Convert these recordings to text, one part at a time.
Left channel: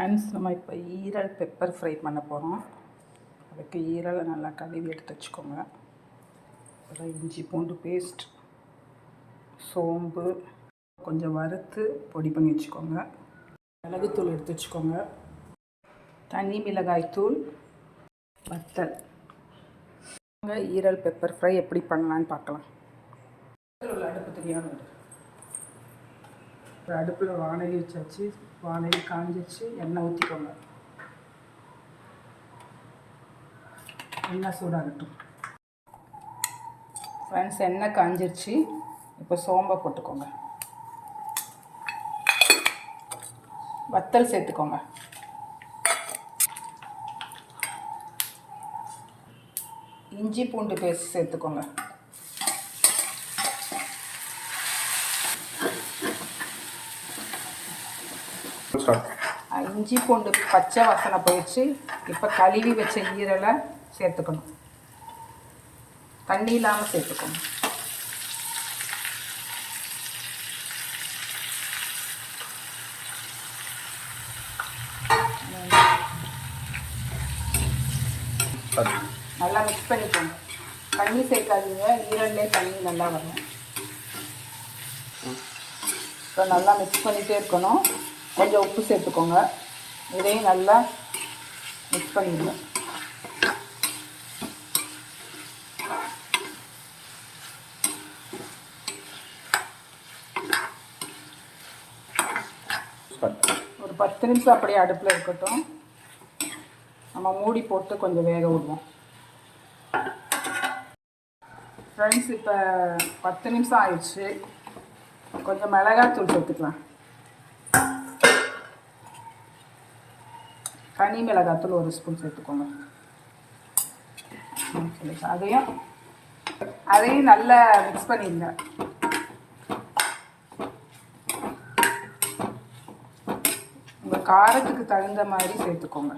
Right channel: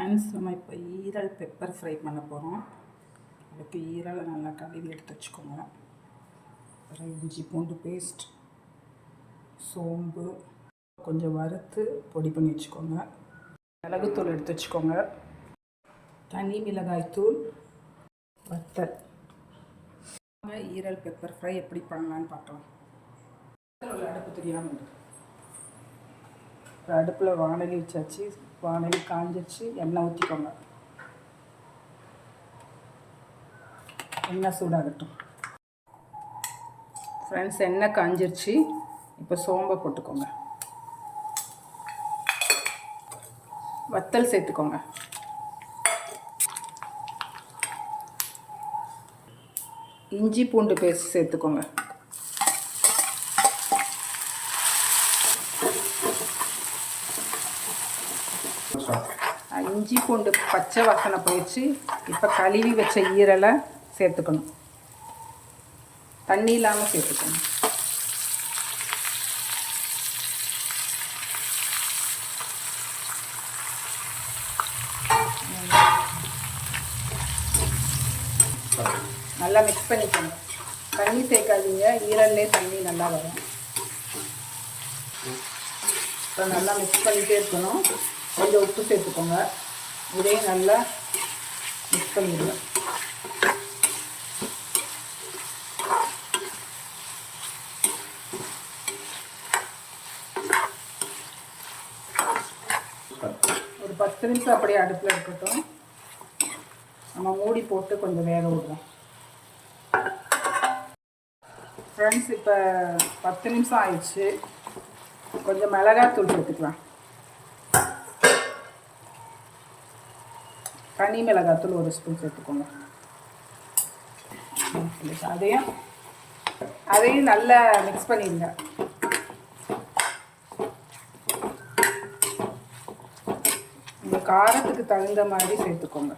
Friends, நம்ம இப்போ ஈரல் பெப்பர் ஃப்ரை பண்ண போகிறோம். அதுக்கு ஈரலை நல்லா கழுவி எடுத்து வச்சுக்கோங்க. அப்புறம் இஞ்சி பூண்டு பேஸ்ட், சோம்பு கொஞ்சம் வறுத்து பொடி பண்ணி வச்சுக்கோங்க. மிளகுத்தூள் எடுத்து வச்சுக்கோங்க. தனி மிளகாய்த்தூள், வத்தல். ஈரல் பெப்பர் ஃப்ரை எப்படி பண்ணலான்னு பார்க்கலாம். உள்ள அடுப்பு தெரியாமல் அடுப்பில் வானலி வச்சாச்சு. வானலி காஞ்சிச்சு. எண்ணெய் ஊற்றிக்கோங்க. எண்ணெய் சூடாகட்டும். ஃப்ரெண்ட்ஸ், எண்ணெய் காஞ்சிருச்சு. இப்போ சோம்பை போட்டுக்கோங்க. வத்தல் சேர்த்துக்கோங்க. இஞ்சி பூண்டு பேஸ்ட் சேர்த்துக்கோங்க. இஞ்சி பூண்டு பச்சை வாசனை போயிடுச்சு. இப்போ கழுவி வச்ச ஈரலை சேர்த்துக்கணும். தண்ணி இல்லாமல் சேர்த்துக்கணும். நல்லா மிக்ஸ் பண்ணிக்கோங்க. தண்ணி சேர்க்காதீங்க, ஈரல்லே தண்ணி நல்லா வரும். இப்போ நல்லா மிக்ஸ் பண்ணிகிட்டே இருக்கணும். கொஞ்சம் உப்பு சேர்த்துக்கோங்க. இதையும் நல்லா மிக்ஸ் பண்ணிடுங்க. ஒரு 10 நிமிஷம் அப்படியே அடுப்பில் இருக்கட்டும். நம்ம மூடி போட்டு கொஞ்சம் வேக விடுவோம். ஃப்ரெண்ட்ஸ், இப்போ 10 நிமிஷம் ஆயிடுச்சு. கொஞ்சம் மிளகாய்த்தூள் சேர்த்துக்கலாம். தனி மிளகாய்த்தூள் 1 ஸ்பூன் சேர்த்துக்கோங்க. அதையும் நல்லா மிக்ஸ் பண்ணிடுங்க. உங்கள் காரத்துக்கு தகுந்த மாதிரி சேர்த்துக்கோங்க.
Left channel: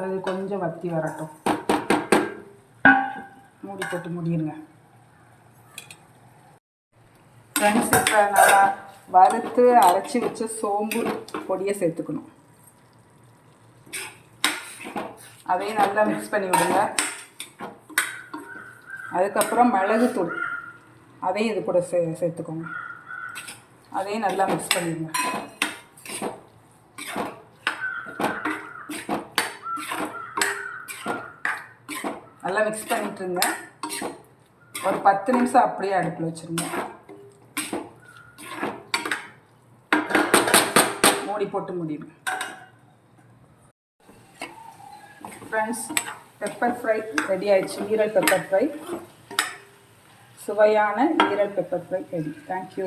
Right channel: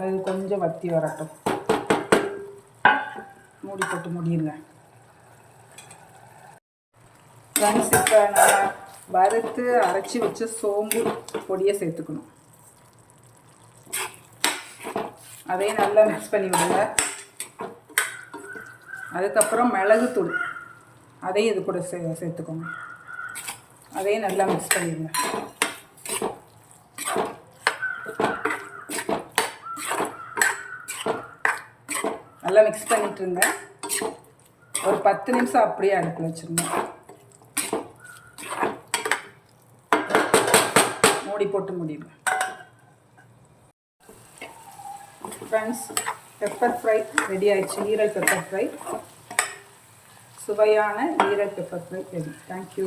அது கொஞ்சம் வத்தி வரட்டும். மூடி போட்டு மூடிடுங்க. ஃப்ரெண்ட்ஸ், இப்போ நல்லா வறுத்து அரைச்சி வச்ச சோம்பு பொடியை சேர்த்துக்கணும். அதையும் நல்லா மிக்ஸ் பண்ணி விடுங்க. அதுக்கப்புறம் மிளகுத்தூள், அதையும் இது கூட சேர்த்துக்கோங்க. அதையும் நல்லா மிக்ஸ் பண்ணிடுங்க. நல்லா மிக்ஸ் பண்ணிட்டுருங்க. ஒரு 10 நிமிஷம் அப்படியே அடுப்பில் வச்சுருங்க. மூடி போட்டு முடியுங்க. ஃப்ரெண்ட்ஸ், பெப்பர் ஃப்ரை ரெடி ஆயிடுச்சு. ஈரல் பெப்பர் ஃப்ரை, சுவையான ஈரல் பெப்பர் ஃப்ரை ரெடி. தேங்க்யூ.